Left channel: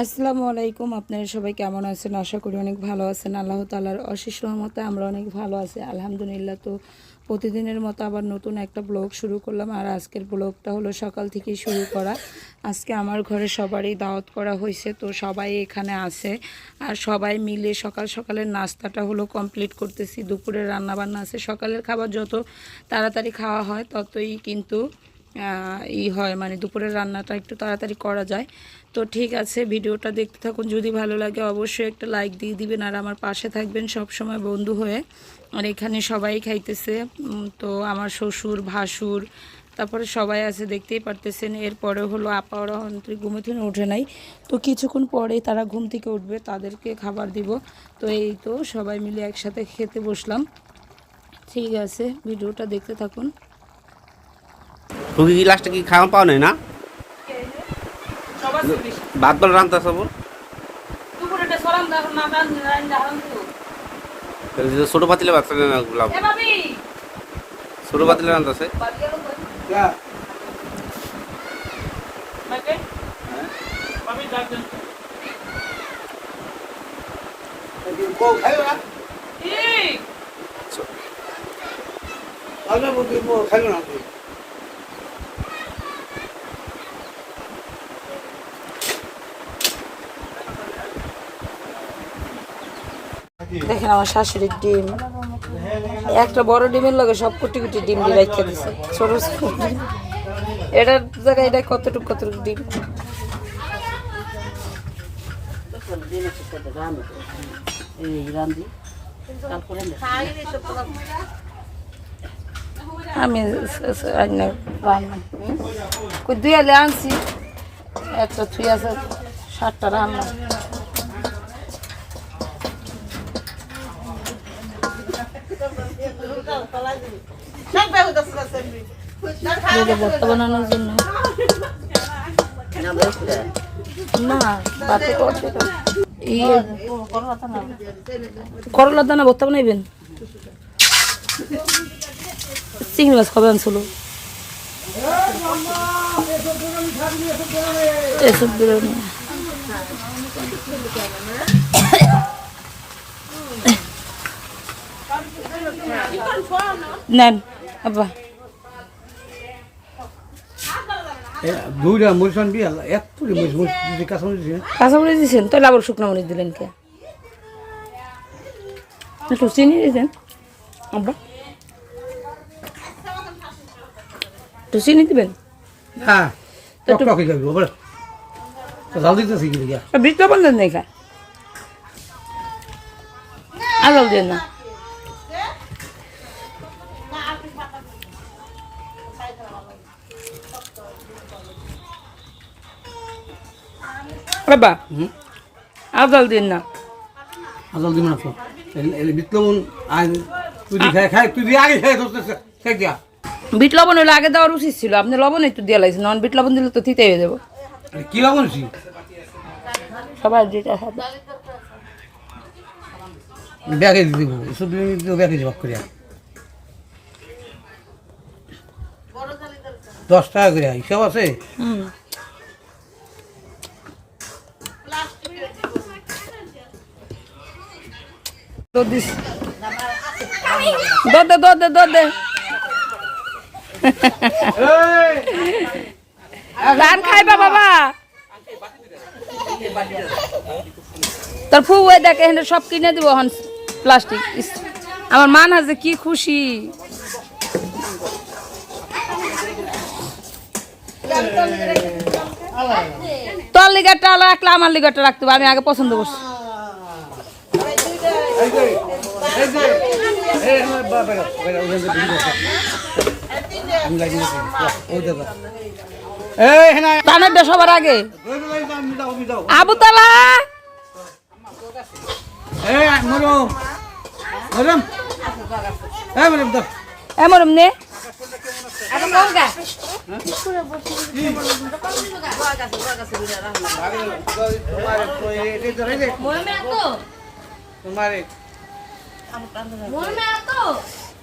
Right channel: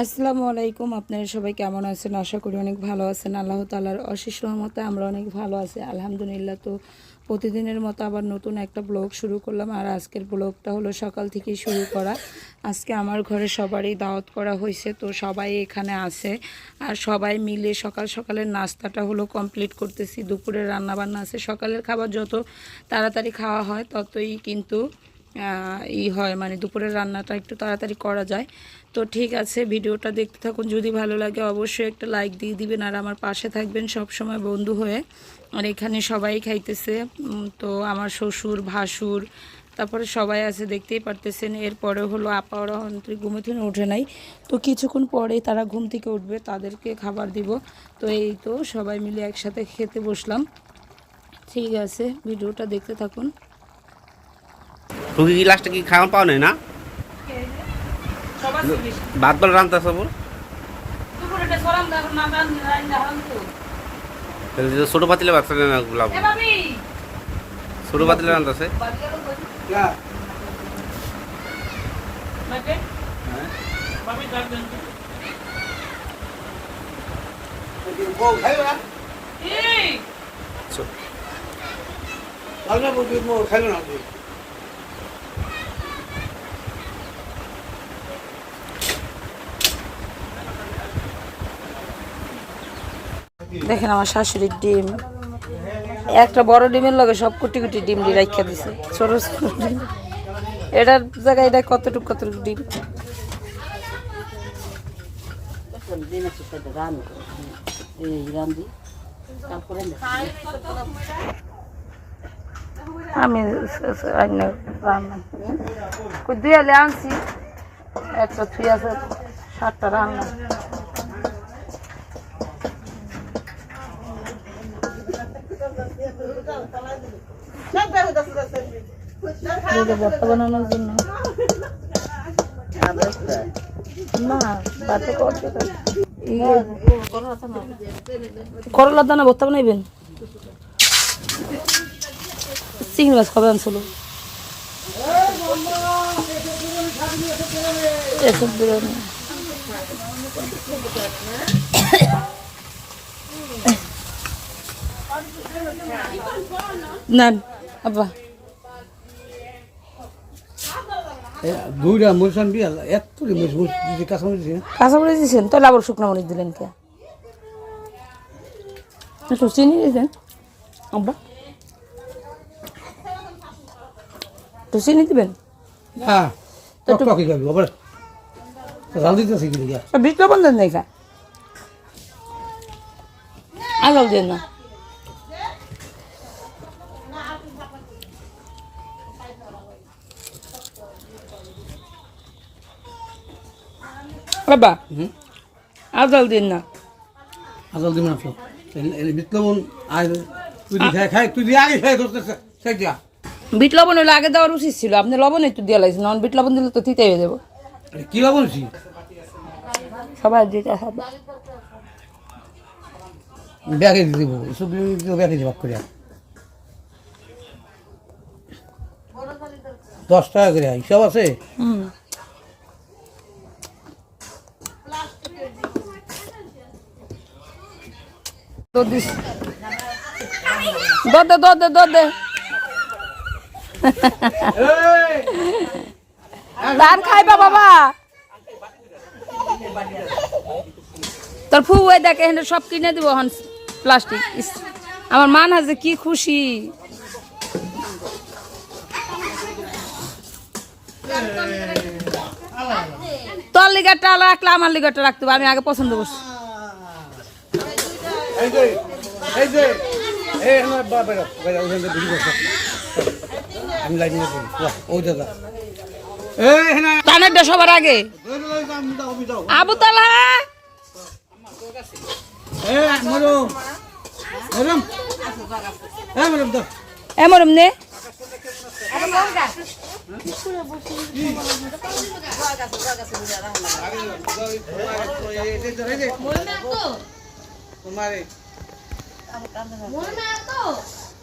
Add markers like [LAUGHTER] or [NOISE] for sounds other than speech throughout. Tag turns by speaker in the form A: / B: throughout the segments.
A: আসসালামু আলাইকুম, আপনারা সবাই কেমন আছেন? আশা করি অনেক ভালো আছেন। আল্লাহ তালার অশেষ রহমতে আমরা অনেক ভালো আছি। আলহামদুলিল্লাহ তো প্রতিদিনের মতো আবার নতুন একটা ব্লগ শুরু করলাম। আর আজকের ব্লগটা হলো সকাল থেকেই শুরু করা। আজকে আমার ঘরে সবারই দাওয়াত করা হয়েছে, তো সবাই এখানে আছে। আর সবাই মিলে সকাল সকালের নাস্তাটা হলো কমপ্লিট করতেছি। দুপুরের রান্নাবান্না আছে। সকালের খাবার যত তাড়াতাড়ি খাওয়া হয়, ততই কিন্তু ই হয় মানে দুপুরের রান্নাটা একটু তাড়াতাড়ি করা যায়। তো ঠিক আছে, ভিডিওটা দেখতে থাকুন। যদি ভালো লাগে, অবশ্যই একটা লাইক দিয়ে দিবেন। আর আমার পাশে থাকবেন সব সময় বন্ধু হয়ে। আর এখানে সবাই খাইতেছে। তো আমার শ্বশুর, ভাসুর, তারপরে সবাই আছে, দেখতেই পারতেছেন। এরপরে হলো আপা অন্তরি ঘুমে থেকে ওঠে নাই। তো কিছুক্ষণ পরেই তারা ঘুম থেকে উঠবে, তাদেরকে খাবার দিব। তো এই তো সবাই মিলে একসাথে খেতে বসলাম। ঠিক আছে, ভিডিওটা দেখতে থাকুন।
B: খুবই লাস্টে কি খাওয়া পাও নাই না? ভাত বল রান্তা সব? ছোট পাতিলে ভাত না গুলাব ছোট পাতিলে রান্তাছে?
A: দেখেন আমার শাশুড়ির ডিম। একটা বড় ডিমের লগে সব কুটি কুটি ডিম দিয়ে রাখা দিছে। ছোট ডিম। এটার জায়গায় এটা কতটুকু কতটুকু ডিম? আমি রান্না দুই আলে আনছি। একটা থুই আছে, সাতটা রান্না। ভর্তা বানানোর জন্য। না বাতে করতে করলা দানা ভর্তা বানাইবেন? চিংড়ি মাছ কবে আনছিল। এসব বিরিয়ানি। নেন। আব্বা।
C: দুইটা মরিচান দিয়ে এত মরিচ মরিচ মরিচ দিয়ে
A: কাঁচামরিচ দিয়েছেন তাহলে আবার শুকনো মরিচ দিলেন কে? একটু চিনি দিয়েছেন আব্বা। একটু চিনি দিবেন?
C: হ্যাঁ টক টকে খাবি বলে জাল দিতেছি কি লিগা
A: বিট লবণ দেন নাই খা আর জল দেন না। বাবা আর জল দিন না।
C: আজাল এলে বিতলবন আয় তুই খাই খাই তুই আগে খাই খাই দিয়া
A: বিট লবণ হলে আগে দেওয়ার উচিত ছিল আপনি লবণ একটু দিয়ে লাগছেন নন বিট লবণ দিলে তো তিতে হয়ে যাব।
C: কি লাভ হয়েছি
A: সবাই যেটা খাবে।
C: ব্যাগে দিয়ে দেবো দিয়ে ব্যাগে জবাব করিয়া। দশ টাকা করে হিসাব আছে?
A: হুম। দিস। ধান খাইবা বাবা। তোর ফু ওই দেখ, এখানে সব কিনে দিব হন প্লাস্টিক। আমার মান আছে, কি খুশি। তোর লিগারটা রাখলে আমার লিগারটা রাখতে আমি আগে পছন্দ করছি।
C: এই যে এই যে এই আমার বাবা ওখানে ভিডিও করছে আমি লাইন দিছি ওই দাদা এই হ্যাঁ
A: টানেরটা সবার আগে। আবু তালা!
C: এই মরম। মরম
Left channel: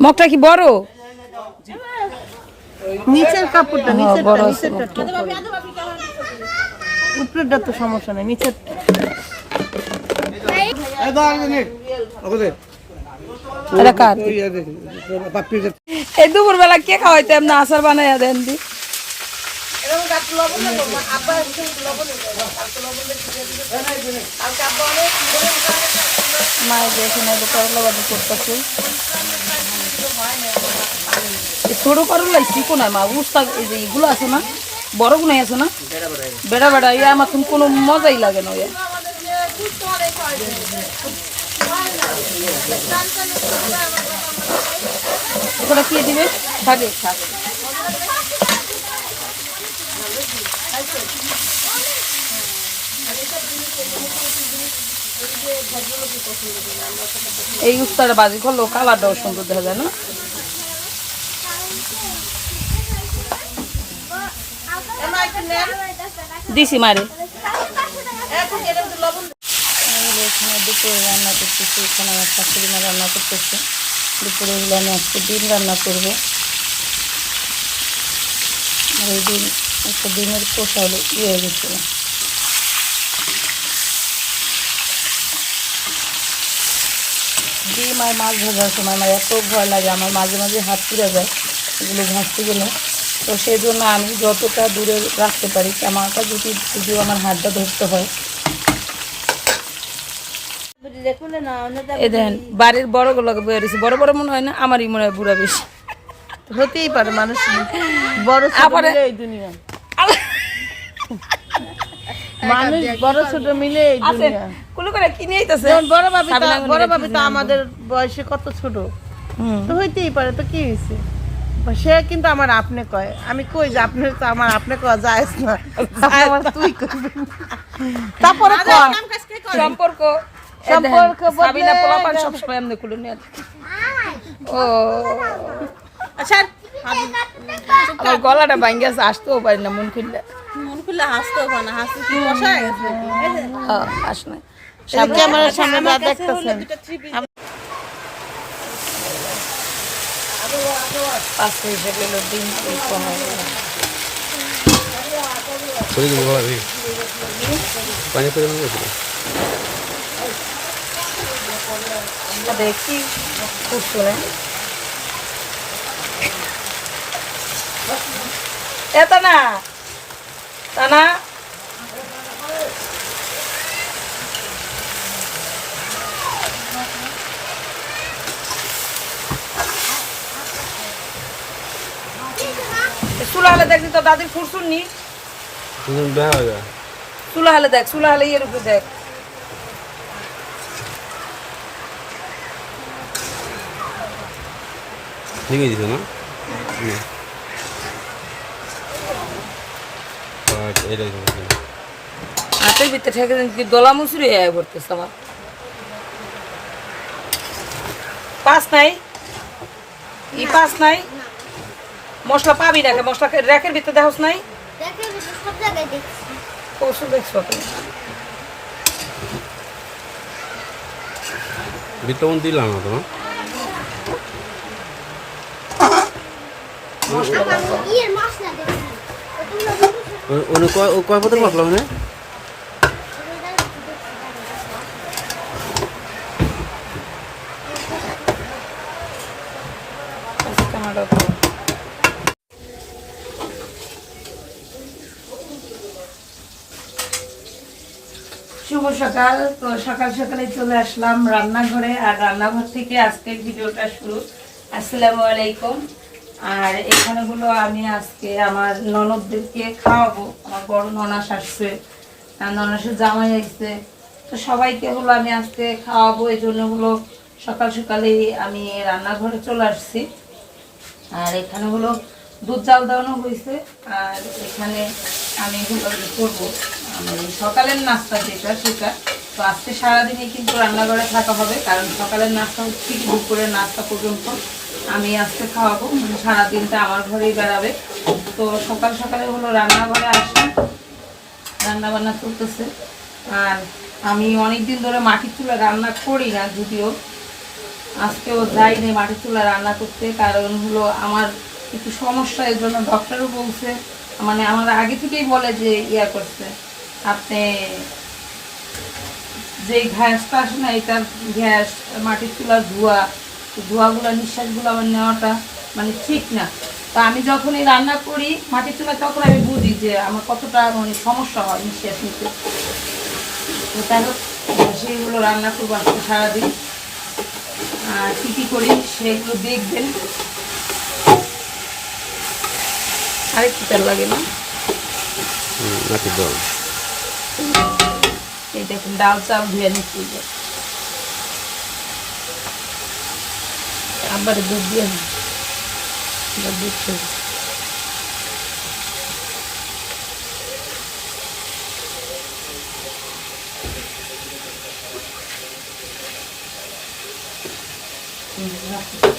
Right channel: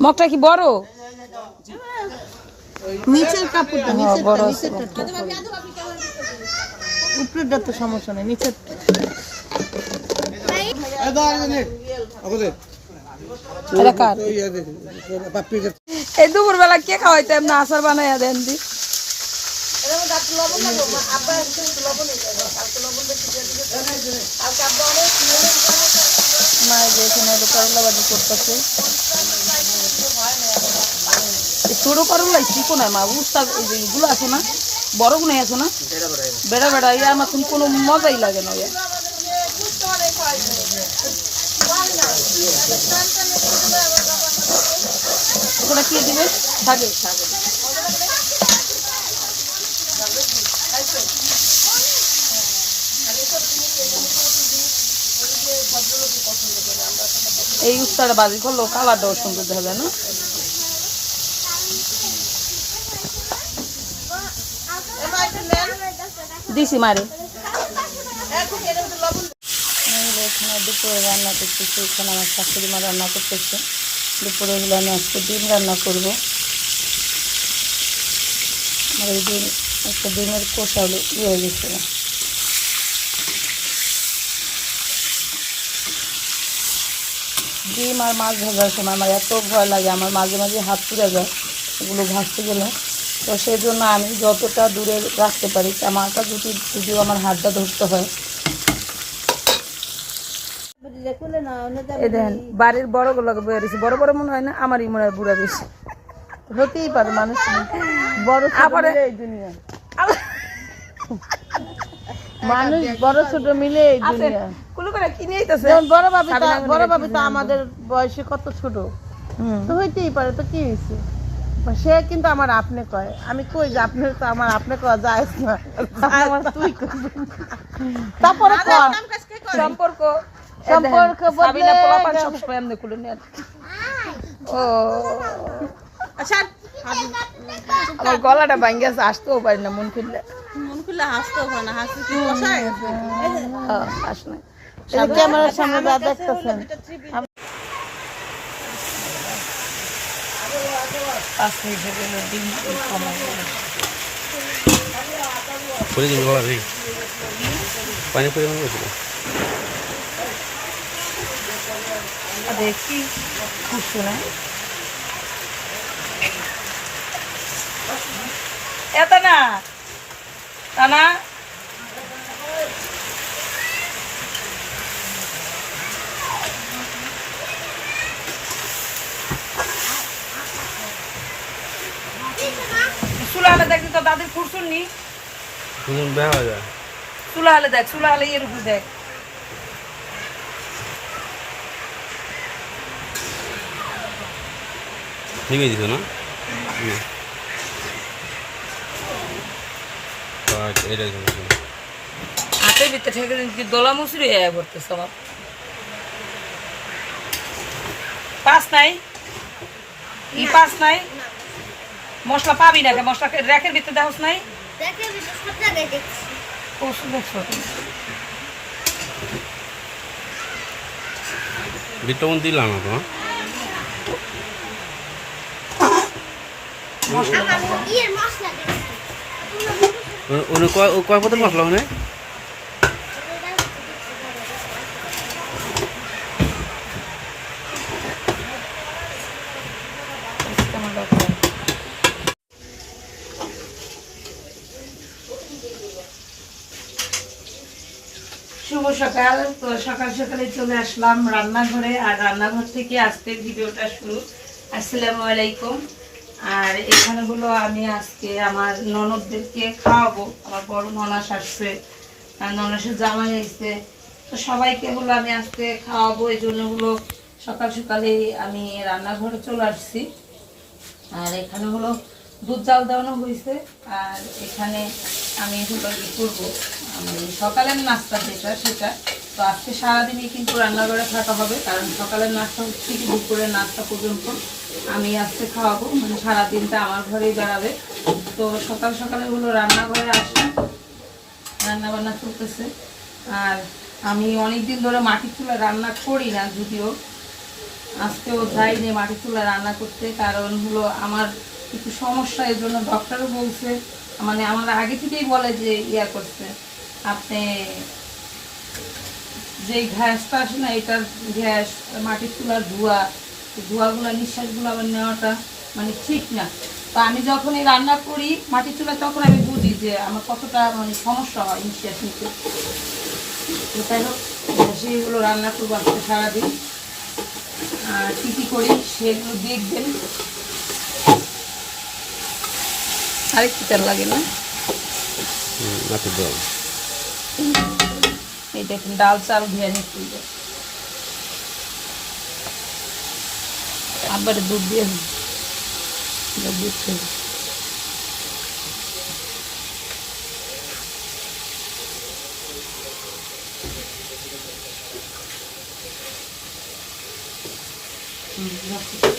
A: মগটা কি বড়?
D: নিচের কাপড়টা
A: হ্যাঁ,
D: নিচেরটা উপরেরটা তো সমস্যা নেই নিচের
C: এই
A: দুপুরবেলা কে খাওয়াইতে এমনি আচার বানাইয়া দেন দি? মায়ের এখানে করলা বাজি করতেছে। ছোট করলাই শিখো না মা? উস্তা এই যে এগুলো আছে না, বড় গুনাই আছে না? বেড়া বেড়া ইয়া আমার তুমি কোনো মজাই লাগে না ইয়া ওটা কি দিবে? থাকে থাকে। এই উস্তাটা বাজি করল কালারটাও সুন্দর দেখা যায় না? দিছি মারে। এখানে দুপুরে রান্না করতেছি, এখানে আমার শাশুড়ি মা রান্না করতেছে। দুপুরে হলে আমি আজকে ডিম রান্না করব। আর এই ডিম, একটা ডিমের কষা হলো ইয়ে হয়ে গেছিল ডিম আর মাছ ভাজার সময় আমার এত ভয় লাগে আমার মাঝে মাঝে হাত পুড়ে যায় এগুলো ভাজতে গেলে। তো সেই জন্য আমি যতটা দূরে রাখতে পারি আমারটা যদি যদিও আমার হাতটা ধরতে হয়। দেখেন বাড়ির বড় গুলোকে বেরিয়েছে বড় বড় মনে হয় না আমারই মনে হয় বুড়া বেশি।
D: হতেই পারে মানুষ বড়
A: আবার-
D: দুনিয়া। মানুষ বড় ছোট মিলে
A: কুলু করে কিনে আইতাছে।
D: বড় ভাবি বড় ভাবি তো আমাদের বয়সে কত ছোট? তো হইতেই পারে তো কি হয়েছে সে কিন্তু আমার আপনি কয়। আমি কই যে আপনি তো আমার আপনি কয় যায় না। আমার [LAUGHS] তুই তারপরে
A: সম্পর্ক।
D: সম্পর্ক
A: সাবিনা পোলাপান এমনি খুলে নিয়ে ও। আমার গলাটা ভাঙ্গে আছে আসতেও পারি না মন খুললে।
E: মন খুলে হাসতেও না হাসি কি
A: হ্যাঁ,
D: ক্যামেরার সামনে যা দেখতেছেন
B: পানি পরিমাণ
A: দেখি খুব শুনে। এত না। তা না চুলা হলে দেখি তো দাদির ফুরসুন নি। চুলা হলে দেখ চুলা হলে ইয়ের উপর দেখ।
B: নিবে দিত না হুম। আচ্ছা, এটাই সমস্যা
A: হাতের ভিতরে ঠেকে কি দলা মুসুরি হয়ে পড়তেছে আমার। পাস নাই? ই পাস নাই? মশলা পাবি না মশলা র্যাকের ভিতরে দেখোস নাই? ওষুধ দেখছ।
B: বিটমন দিলাম না কয় মশলা ওনে
A: শুভ সকাল। তো সকাল সকালে চলে আসলাম রান্নাঘরে। আর রান্নাঘর থেকে আজকের ভিডিওটা শুরু। আসসালামু আলাইকুম। আর এখানে হলো আমি আজকে আমার ননদদেরকে খাওয়াবো, আমার বড় ননাস আসছে ননাসের জামাই আসছে তো সবাইকে হলো আমি আজকে খাওয়াবো, এই জন্য হলো সকাল সকালেই আমি রান্নাঘরে চলে আসছি। আর এখানে হলো দুধ জাল দেওয়ানো হয়েছে আর এখানে আমি হলো করব সকালের নাস্তা যেটা সেটা। তো আজকে সারাদিনই কিন্তু রান্নাঘরে থাকা হবে, কারণ সকালের নাস্তা হচ্ছে কি, দুপুরের নাস্তা পর্যন্ত। আমি আজকে খাওয়াবো মানে সারাদিনটা আমার ঘরেই বেড়াবে। তো সকাল সকালে হলো রান্নাঘরে আসি রান্না বান্না চলতেছে। আর আমি অনেক দিন ধরে মাটির চুলা রান্না করি না, যদিও আজকেও যাইনি মাটির চুলা রান্না করতে, কারণ হলো আমার একটু সমস্যা এর জন্য ডক্টরও বলছে মানে আমার আগে থেকেই বলে যে ইয়া করছে। আপনি যে গ্যাসটা আসে না, এটার গ্যাস, মাটির চুলার ধোয়া ধোঁয়াগুলো নিঃশ্বাসগুলো আমার নেওয়াটা মানে ঠিক না। তো আমি যখন এই রান্না করি মাটির চুলা তখন আমি বুঝি যে আমার কতটা মানে সমস্যা হয় নিঃশ্বাস নিতে। তো তাই হোক সেইগুলো রান্না করব আজকে সারাদিন। আর কী কী করি সেগুলো দেখবেন। আরেকটু তেল লাগে না? এই দেখুন ডাল চাল ধুয়ে নিচ্ছি। আবার দুধ দিয়ে না এবার দুধ দেবো। হুম, রাখি।